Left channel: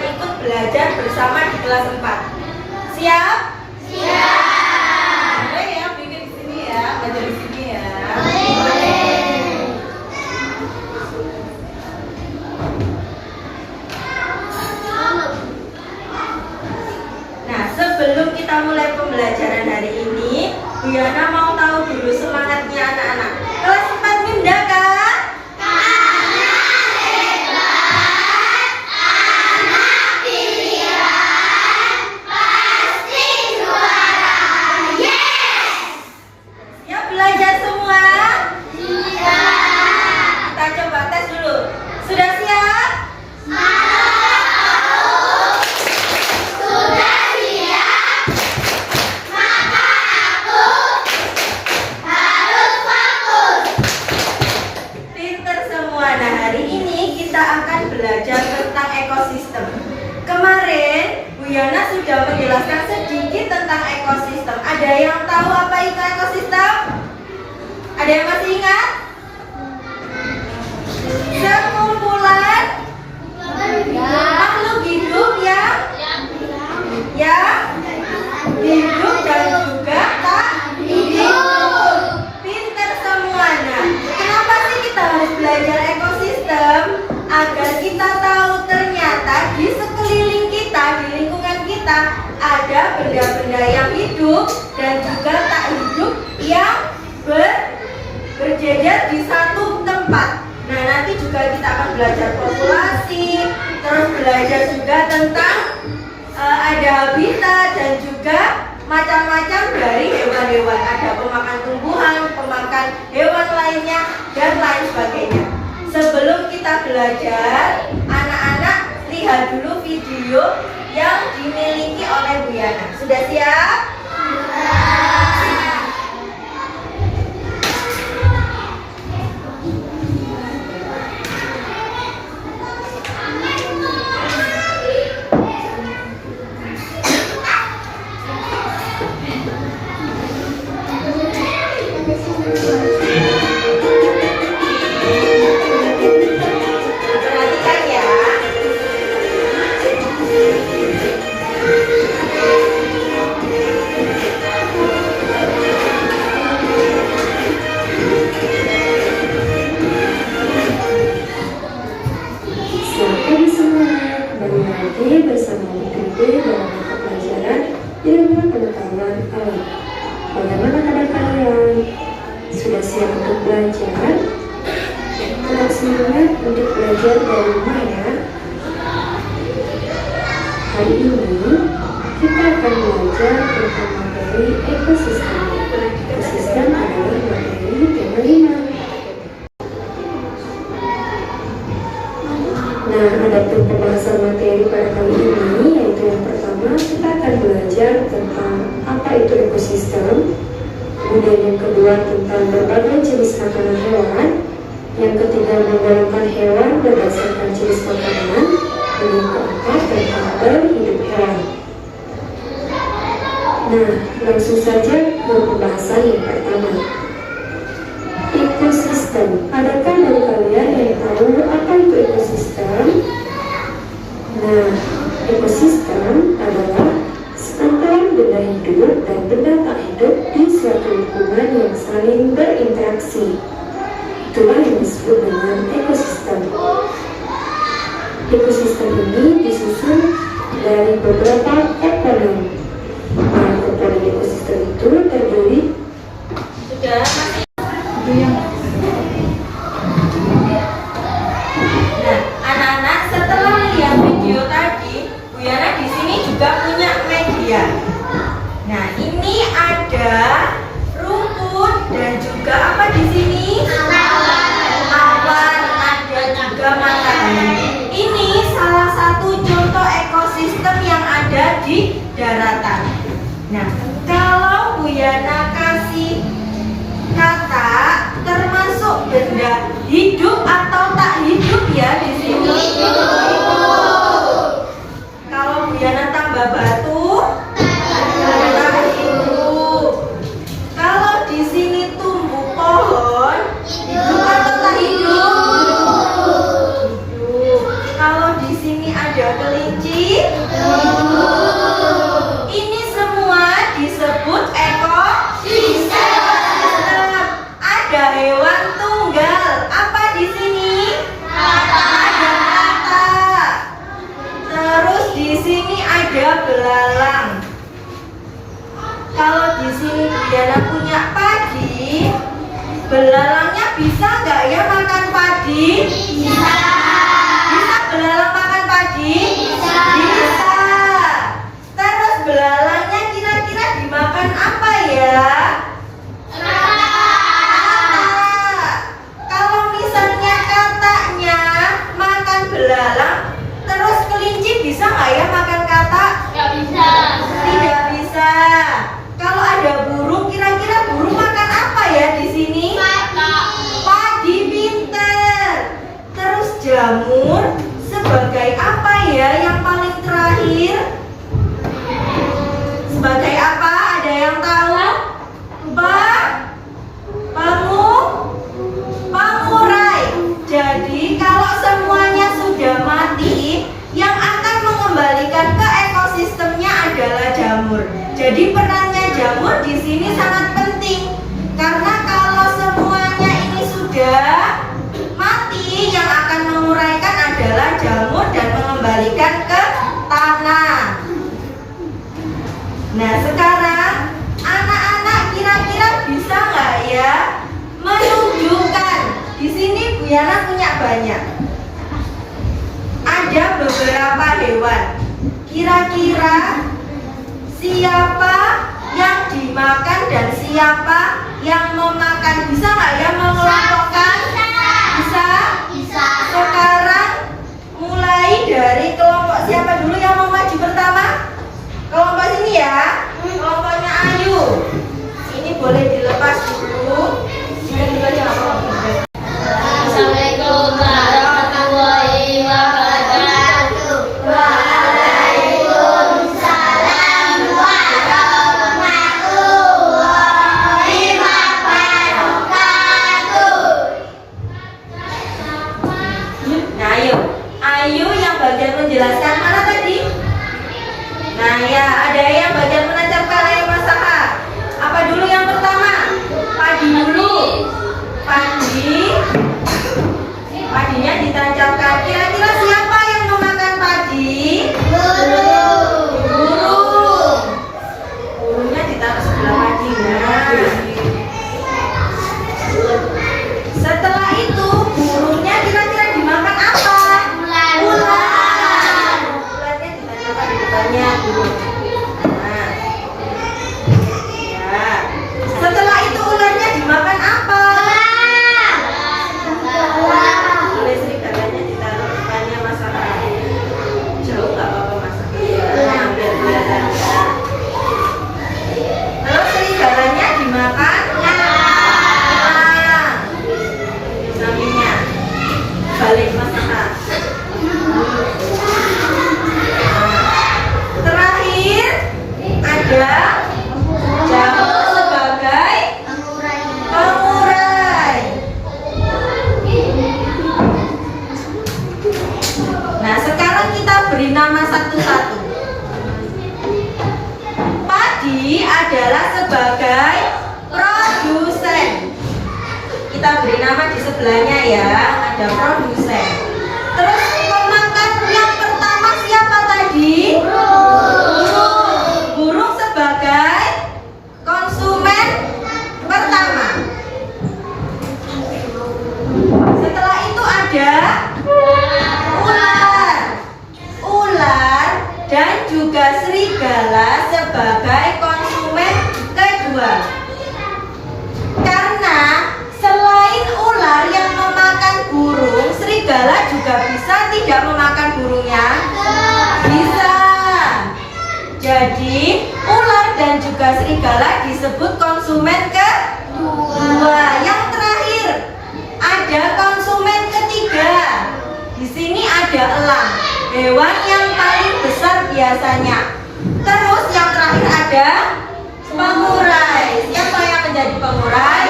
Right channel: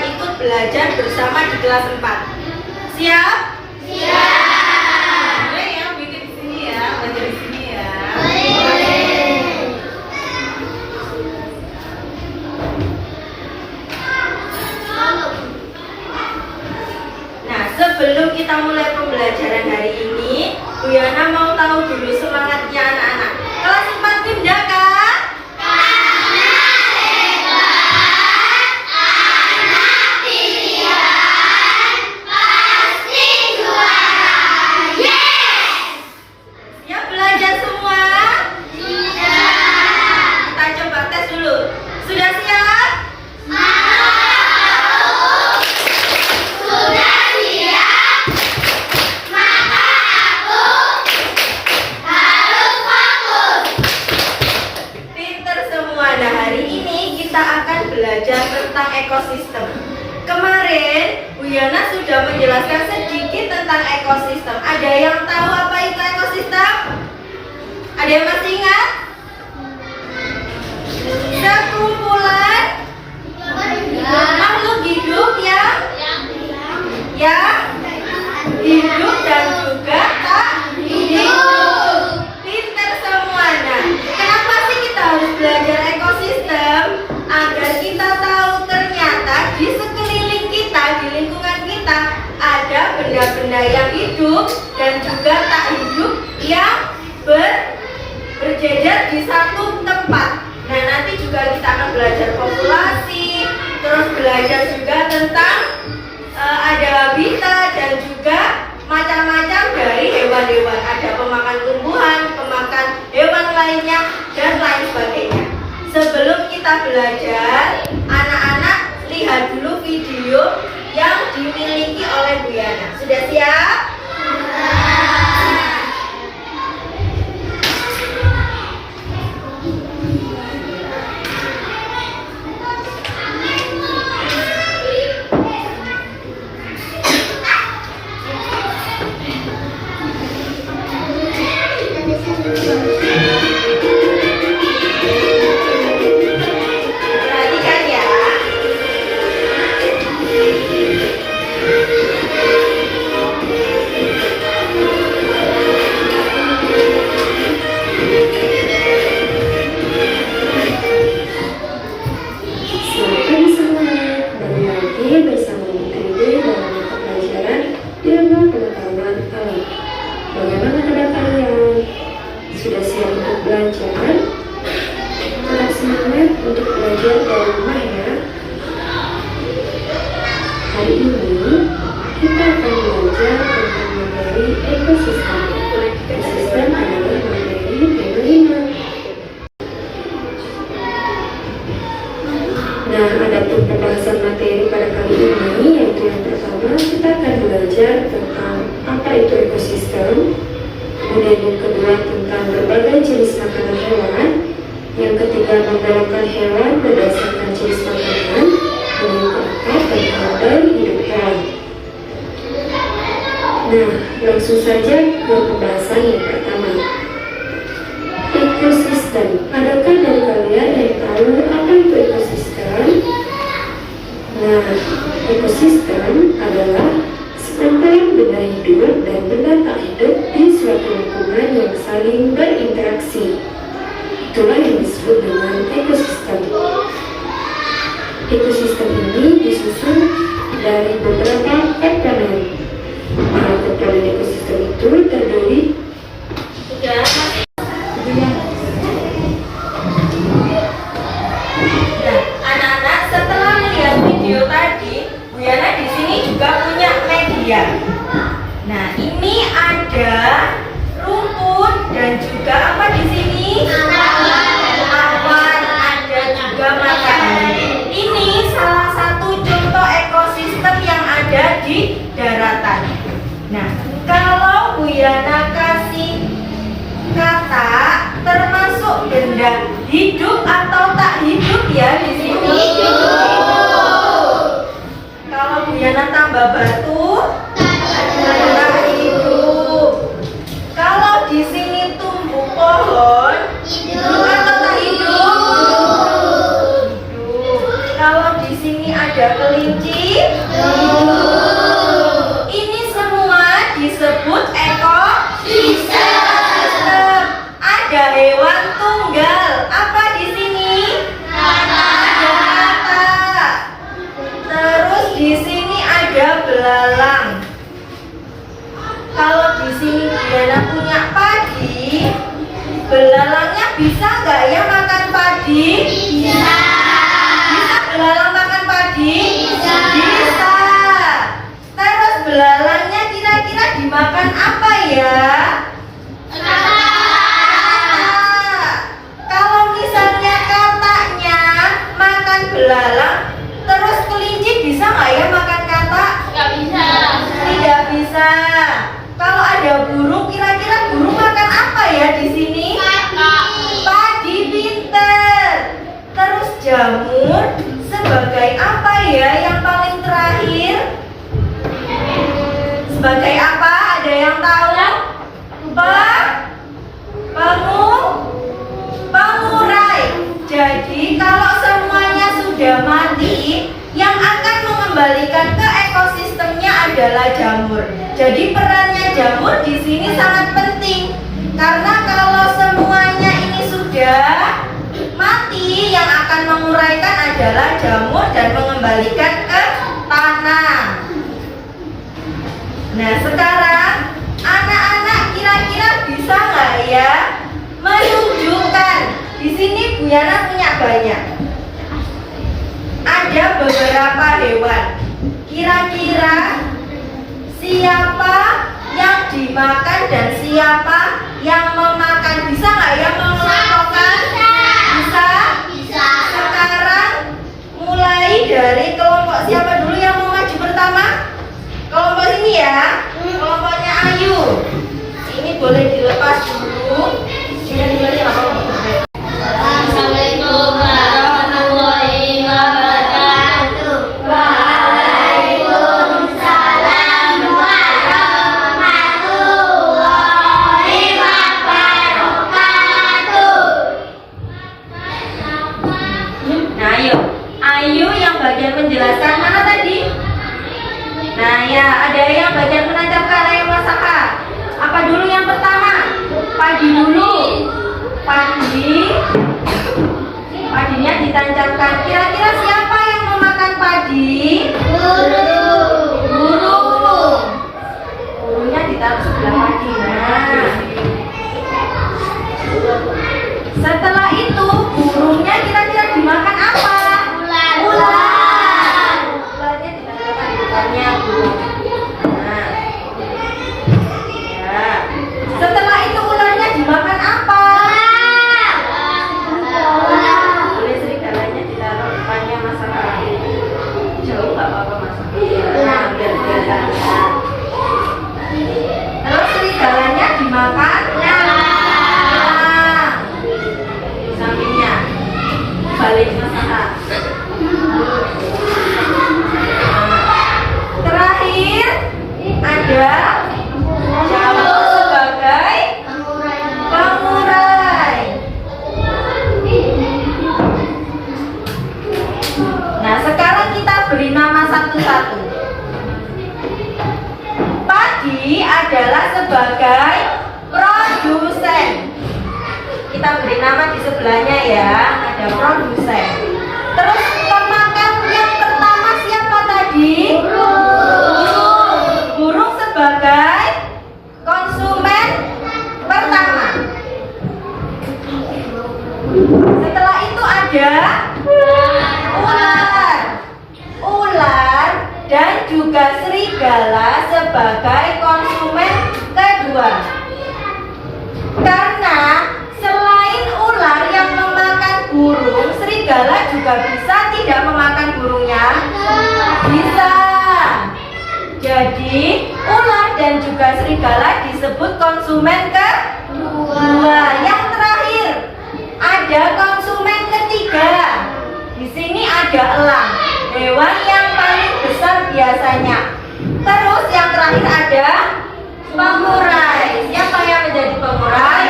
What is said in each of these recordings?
akan ikut belajar bersama di kelas 4. Siap? Siap. Boleh ya, bikin di sini ya, belajar di sini ya. Nah, sebelum kita mulai pembelajaran hari ini, Bu Yana mau tahu dulu semangatnya anak-anak. Kelas 4 pindah kan? Kemarin Bu Yana sudah menjelaskan sedikit tentang ekosistem. Ada yang tahu apa itu ekosistem? Ada yang masih ingat? Sekumpulan makhluk hidup yang hidup dan juga tak hidup. Pinter semua. Nah, kenapa sih kita harus belajar ekosistem? Agar kita tahu ternyata di sekeliling kita, di lingkungan kita ada benda-benda yang hidup dan juga tak hidup yang berjejer di satu tempat. Nah, nanti juga kita akan belajar populasi, terus belajar juga tentang ada habitat dan juga macam-macam dari hewan-hewan. Ada pemakan tumbuhan, pemakan hewan lainnya, dan lain sebagainya. Sebelum kita belajar, anak-anak lihat dulu video yang dimiliki oleh Bu Yana. Sudah siap? Hari ini kita akan belajar tentang materi ekosistem. Ekosistem adalah materi tema 5. Nah, adapun pembahasan materi pada kali ini yaitu yang pertama kita akan belajar tentang apa itu ekosistem. Kemudian yang kedua tentang berbagai jenis makanan hewan. Yang ketiga menggolongkan hewan berdasarkan jenis makanan. Dan yang keempat tentang hidup hewan. Nah, langsung saja ke pembahasan yang pertama. Ekosistem. Adakah dari kalian yang tahu apa itu ekosistem? Nah, ekosistem adalah sekumpulan benda hidup dan benda tak hidup di suatu lingkungan yang saling berinteraksi. Itulah yang disebut dengan ekosistem. Ekosistem ini disusun dari beberapa komponen. Nah, komponen ekosistem itu terdiri Nah, anak-anak setelah melihat video tadi, Bu Yana di sini juga punya media. Nah, ini ada rumput dan juga apa di sini? Awan, ada juga matahari. Ini salah satu contoh ekosistem yang ada di daratan. Nah, kalau Bu Yana kasih kata termasuk benda hidup atau tak hidup ya di sini. Kalau Bu Yana tambah batu, tak hidup. Kalau di sini tumbuh pohon, hidup atau tak hidup? Hidup. Kalau di sini ada kelihatan kelinci? Ini semua disebut ekosistem. Ada hewan tunggal. Apa di sini? Ada kata. Terus di sini ada belalang. Kalau di sini Diana punya padi, belalangnya bisa nggak ya makan padi? Bisa. Bisa belalang makan padi? Bisa. Terus belalangnya kira-kira dimakan apa ya? Kalau misalnya katanya makan belalang, terus kelinci bisa nggak ya makan kata? Tidak bisa. Kalau ada burung, kira-kira burung makan apa ya di sini? Padi, pinter. Terus jamur sebagai apa ya yang paling terakhir? Sebagai apa? Ada yang tahu? Pengurai. Jadi kalau semuanya sudah mati, yang akan mengembalikan ke ekosistemnya adalah jamur. Jadi perannya jamur di sini sangat penting. Karena kalau semuanya ini sudah mati, yang akan menguraikan adalah jamur dan mengembalikan ke tanah. Nah, sekarang anak-anak kira-kira bisa nggak ya menunjukkan? Di sini Bu Yana punya banyak. Ada beberapa hewan. Kira-kira siapa yang dimakan dan siapa yang memakan? Bisa nggak ya mengelompokkan? Bisa. Sekarang mulai dari kelompok siapa dulu yang mau maju pertama? Kelompok sini ya. Kelompoknya Ayu. Ini boleh dilepas dulu. Ini apa? Assalamualaikum warahmatullahi wabarakatuh. Waalaikumsalam warahmatullahi wabarakatuh. Nah, Ayu yang bagian menjelaskan mana tadi? Nah ya, ada yang bagian menancapkan, ada yang masakan. Apa dulu yang pertama? Padi dulu. Padinya ditancapkan. Kira-kira siapa yang memakan padi? Burungnya ditaruh sebelah padi. Nah, setelah itu burungnya kira-kira dimakan apa? Ular. Ularnya ditancapkan di depannya burung. Nah, ya. Setelah itu ularnya dimakan apa? Boleh serigalanya ditaruh depannya masakan. Jauh nggak apa-apa masakan. Nah, biar kelihatan ya. Terus serigalanya dimakan? Nah, di sampingnya. Balik masakan. Terakhir ada jamur sebagai pengurai. Nah, sekarang kita beri nama satu-satu. Padi adalah sebagai produsen. Kita beri nama di sebelahnya ya, ada produsen. Terus pemakan yang pertama siapa tadi? Burung sebagai konsumen pertama. Setelah itu ada ular dan juga serigala sebagai konsumen kedua. Karena selain ular yang memakan burung, serigala juga bisa tidak memakan burungnya? Bisa. Jadi ular dan juga serigala disebut konsumen kedua. Yang terakhir ada konsumen ketiga. Di sini ada elang, hewan yang paling besar biasanya. Terus yang terakhir ada pengurai. Siapa yang menjadi pengurai?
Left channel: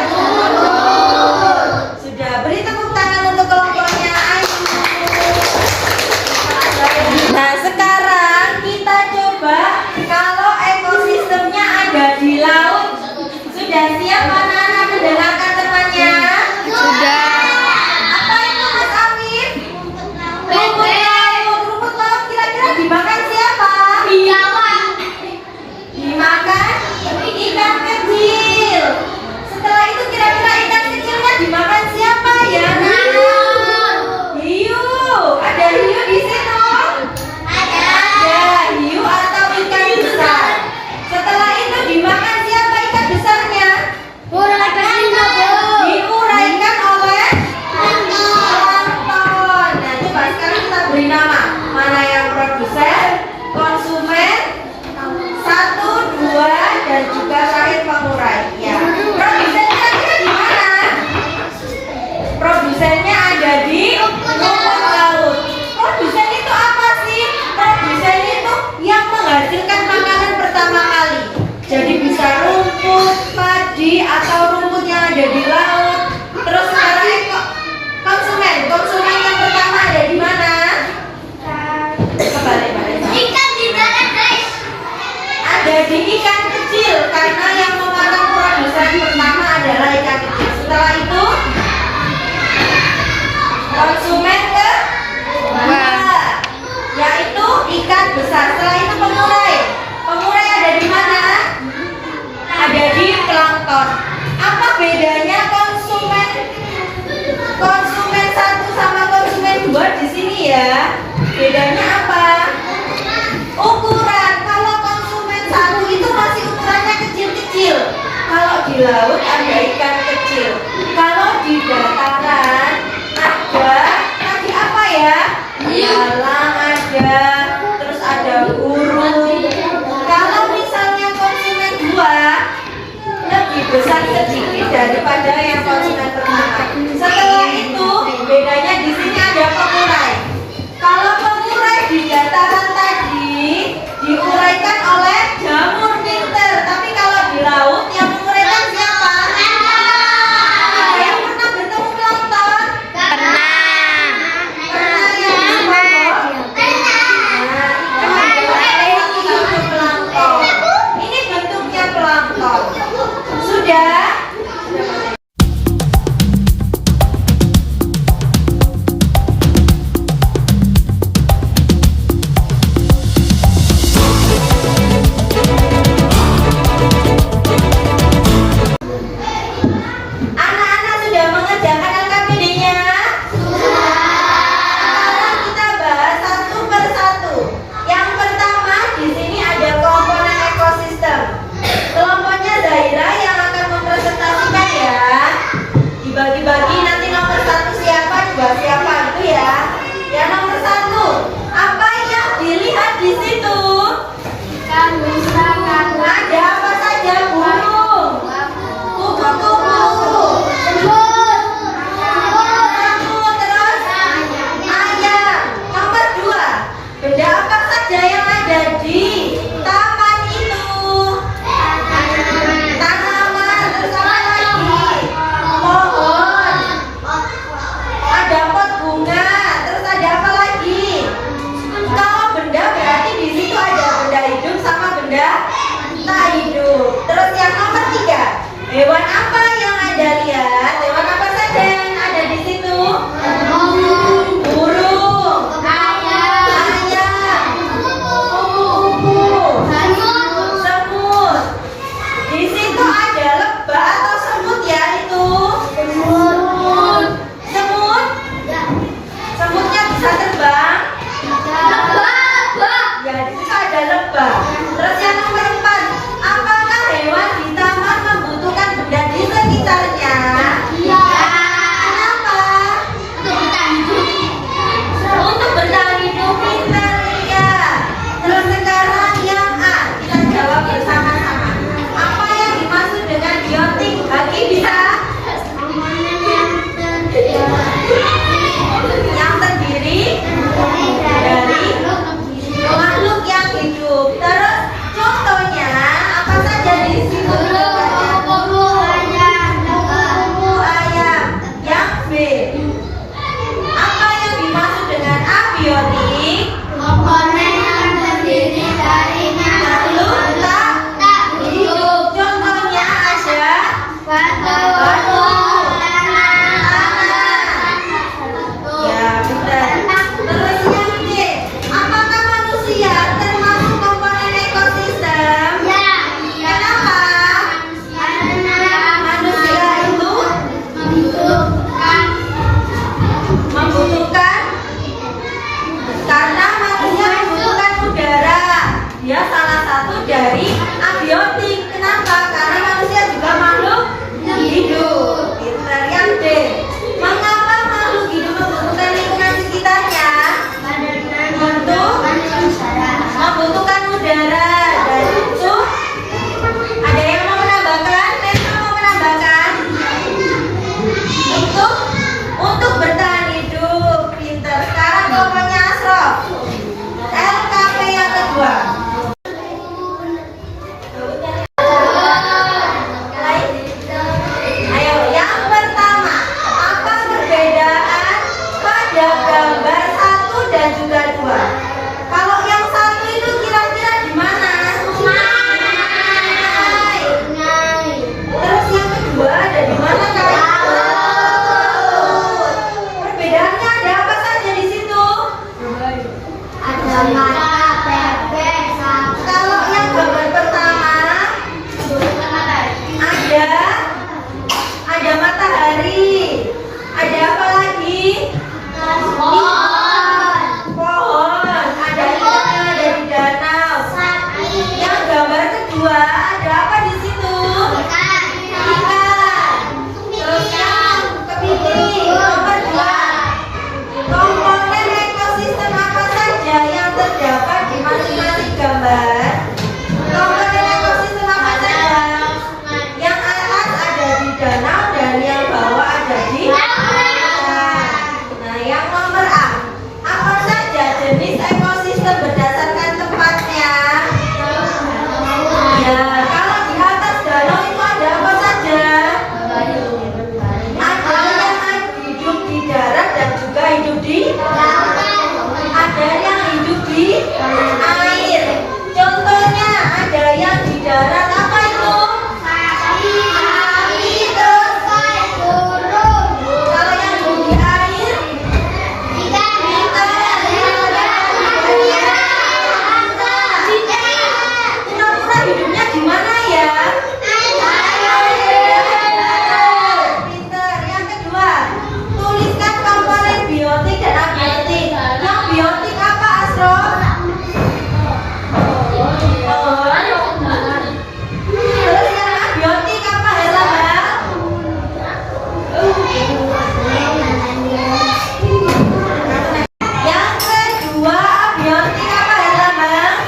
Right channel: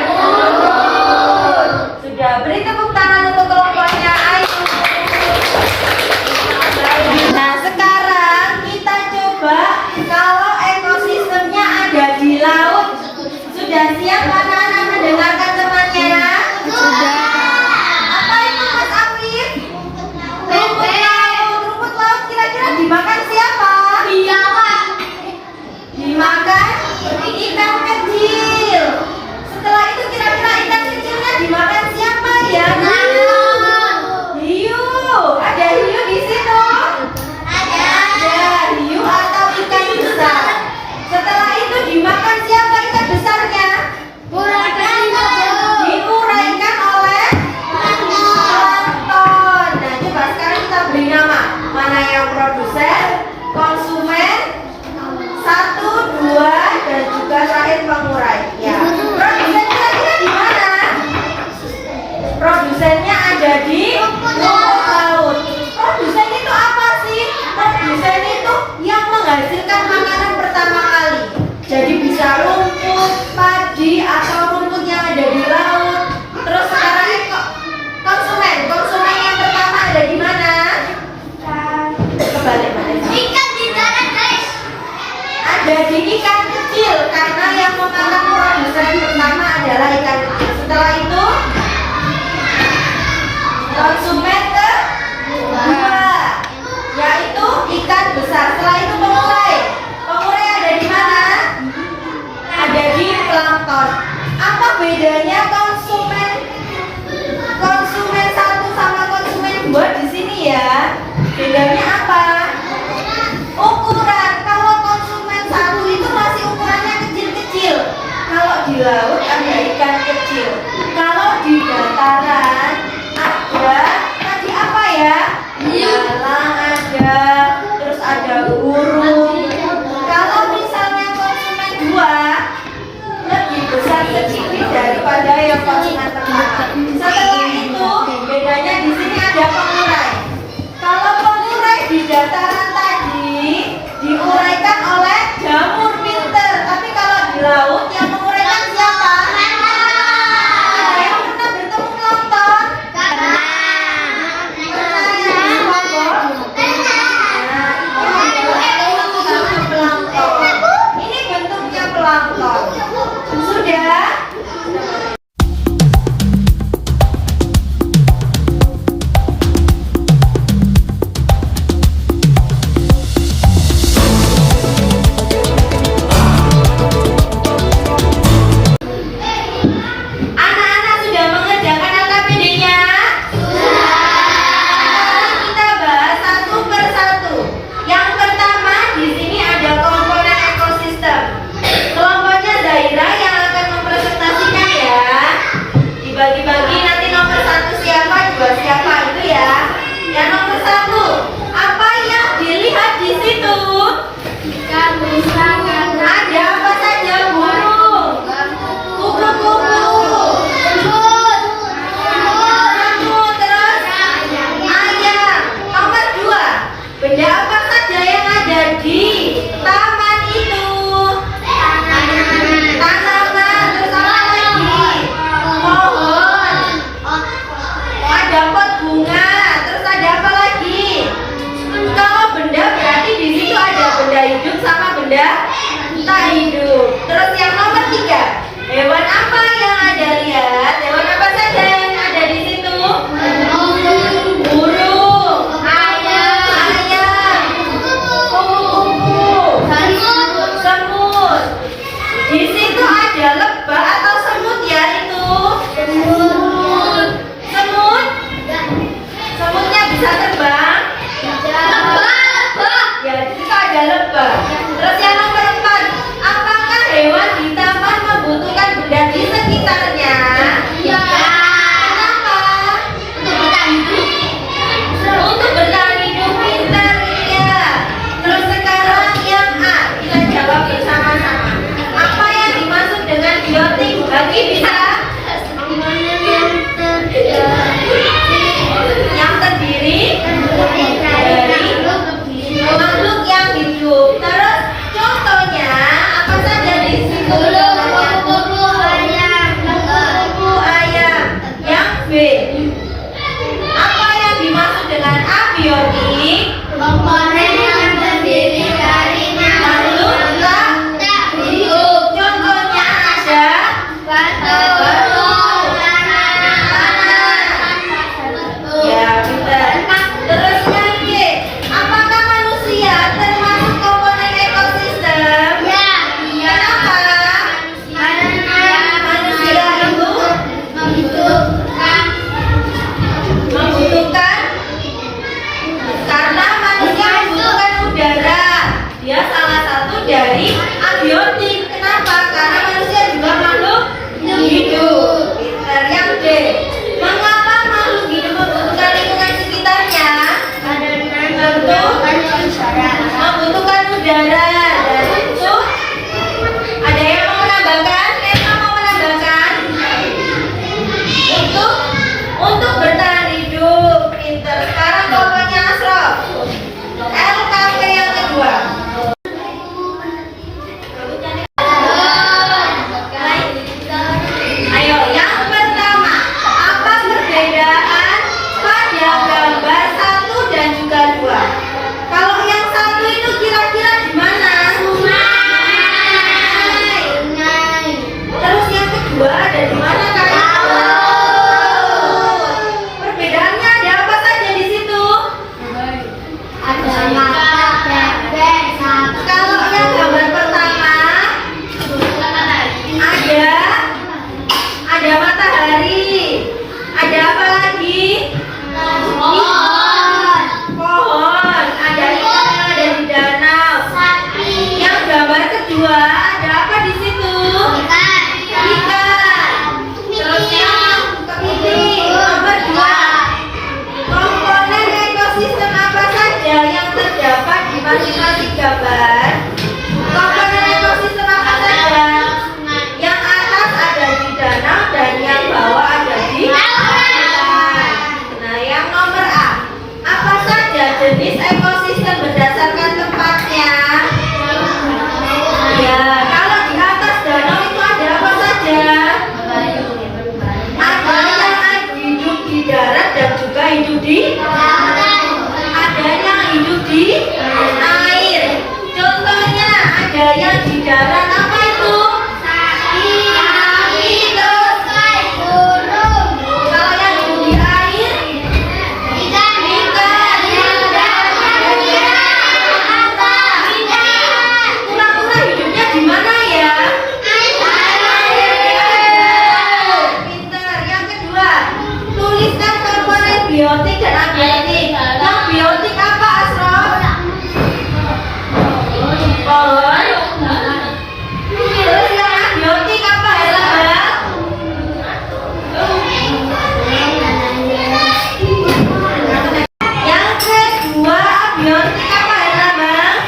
Sudah, beri tepuk tangan untuk kelompoknya Ayu. Nah, sekarang produsen, konsumen, satu, dua, dan juga terakhir pengurai. Ya. Produsennya ada di mana? Produsennya ada di rumput laut. Produsen itu apa sih? Produsen itu yang menghasilkan makanan pertama kali. Jadi bisa rumput, padi, atau rumput yang ada di laut. Terus sekarang konsumen yang pertama ada di mana? Kembali mana? Ikan di darat, guys. Ada di ikan kecil karena yang memakan produsen pertama adalah ikan kecil. Setelah itu konsumen kedua yaitu ikan besar. Setelah itu pengurai. Pengurai ada di mana? Ada di plankton. Apa bedanya konsumen satu sama konsumen dua di sini ya? Bedanya apa? Ukuran. Kalau konsumen satu itu masih ukurannya kecil-kecil. Kalau di laut ada ikan kecil. Kalau di dataran ada tadi apa ya? Elang ada, terus ada burung. Kalau misalnya konsumen dua lebih besar sedikit daripada yang konsumen pertama. Setelah itu bedanya di sini ada pengurai. Kalau pengurai di dataran tadi diuraikan oleh jamur pinter, tapi kalau di laut yang menguraikan siapa? Ada yang pernah bertemu plankton? Pernah yang di Bogor? Nah, itu adalah plankton. Ini bentuknya plankton. Sudah? Anak-anak sudah mengerjakan LKPD-nya? Sekarang kita bahas satu persatu. Yang pertama di sini ada komponen ekosistem. Kelompoknya Zaira yang akan mempresentasikan ya. Dibagi-bagi nanti nomor satu siapa, dua siapa itu ya. Yang nomor satu, apa yang dilihat di situ? Ada apa saja? Burung, kupu-kupu, semut, terus ayam. Nomor dua, benda apa saja yang ada di taman itu? Tanaman, terus apa lagi? Pohon, ada pot bunga, terus ada apa lagi? Kalau benda berarti di situ ada benda hidup sama benda tak hidup. Terus yang nomor tiga, hewan apa yang ada lihat? Hewan apa saja yang ada di situ? Burung, ayam, kupu-kupu, semut. Di situ ada lebah atau semut ya itu? Semut? Semutnya bisa terbang? Ya, di situ ada lebah. Terus yang nomor empat, apakah hewan di taman membutuhkan benda di sekitarnya? Kenapa? Untuk bertahan hidup, pintar ya. Terus sekarang yang A, kita jawab bersama-sama. Apa yang dimaksud dengan biotik? Bagi bisa? Yang terdiri dari makhluk yang hidup. Terus contohnya apa saja di situ? masing-masing gambar komponen ekosistem apa saja? Yang atas ada di danau dan yang bawah ada di lautan. Nah, yang nomor A, apa saja jenis ekosistem berdasarkan tempatnya? Ya, kalau di atas danau itu ada apa saja? Ada yang hidup di darat dan juga hidup di lautan. Ada yang hidup di air. Contohnya ada yang di darat apa itu? Sapi, terus burung. Kalau yang hidup di air? Ikan. Kura-kura hidupnya di mana ya? Pinter. Yang kedua, tuliskan komponen biotik dan abiotik. Yang biotik apa, Asrof? Terus yang abiotik apa, Herlambang? Yang kedua, abiotik apa, Herlambang?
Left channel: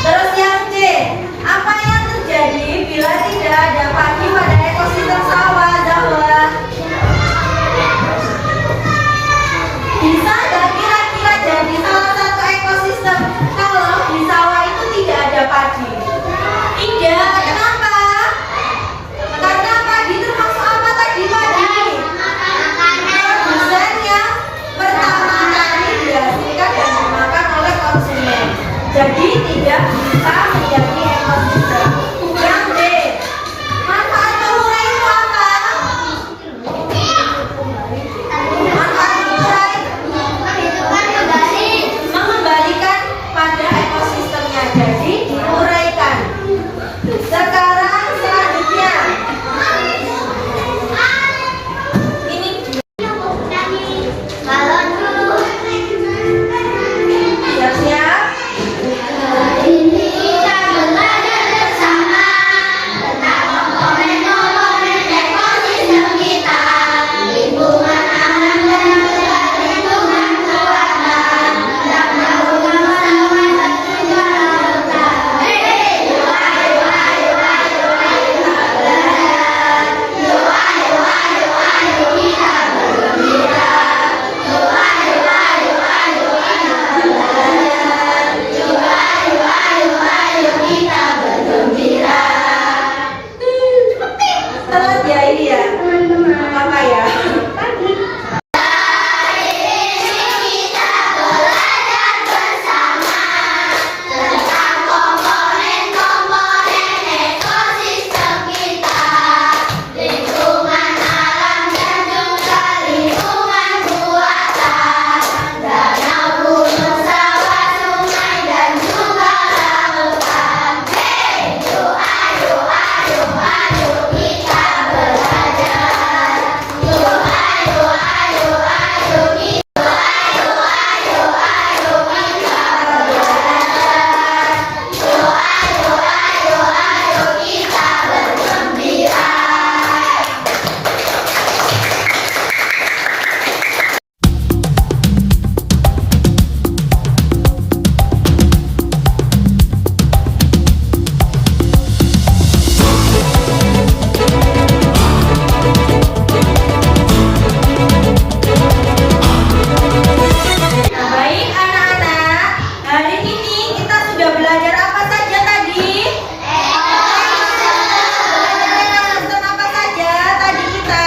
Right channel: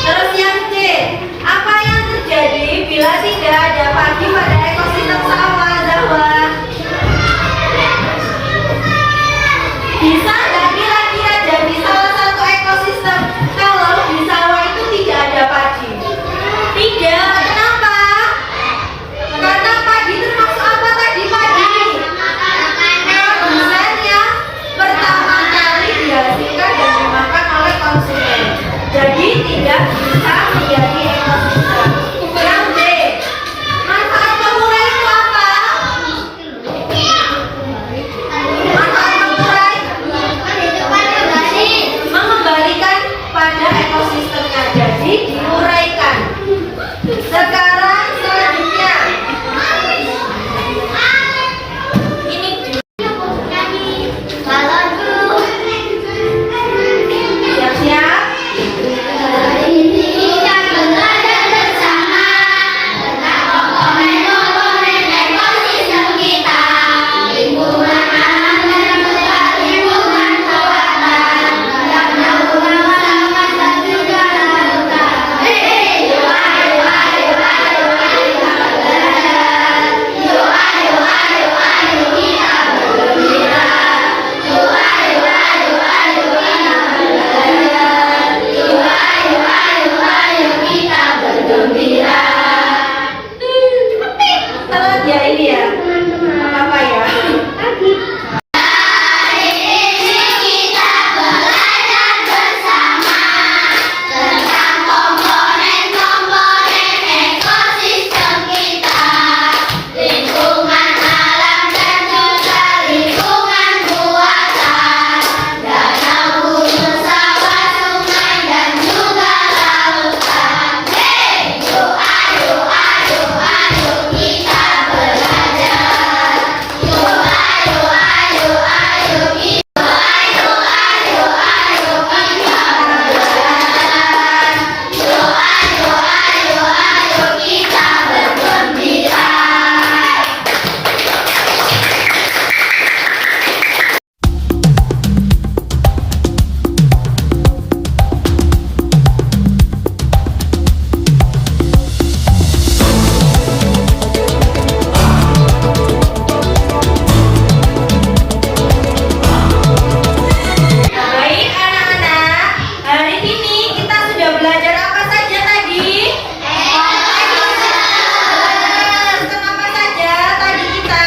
Terus yang C, apa yang terjadi bila tidak ada padi pada ekosistem sawah, Zahwa? Bisa nggak kira-kira jadi salah satu ekosistem kalau di sawah itu tidak ada padi? Tidak, kenapa? Karena padi termasuk apa tadi padi? Produsen yang pertama kali dihasilkan dan dimakan oleh konsumen. Jadi tidak bisa menjadi ekosistem. Yang D, manfaat temurai itu apa? Manfaat temurai mengembalikan pada ekosistemnya, jadi diuraikan. Sekarang selanjutnya ini siap-siap. Terus ya ini ya, apa ya? Baik anak-anak, hari ini kita sudah belajar apa saja tadi? Ekosistem apa saja tadi kita?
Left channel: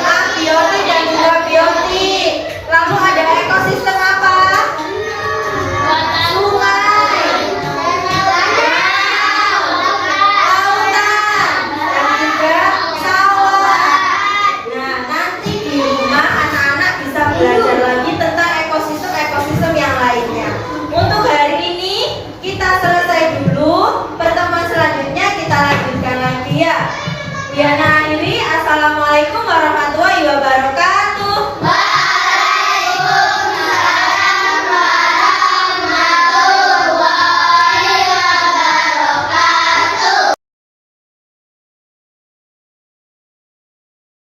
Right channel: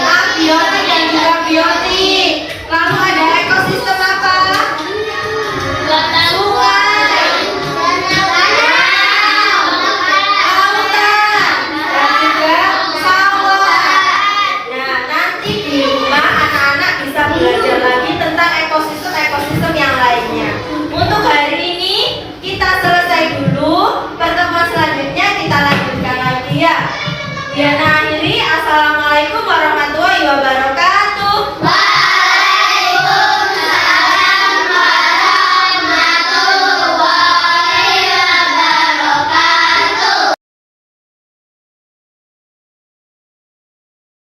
Abiotik dan juga biotik. Lalu ada ekosistem apa? Sungai, lautan, dan juga sawah. Nah, nanti di rumah anak-anak bisa belajar lagi tentang ekosistem-ekosistem yang lainnya. Untuk hari ini kita selesai dulu. Pertemuan selanjutnya kita lanjutkan lagi ya. Diana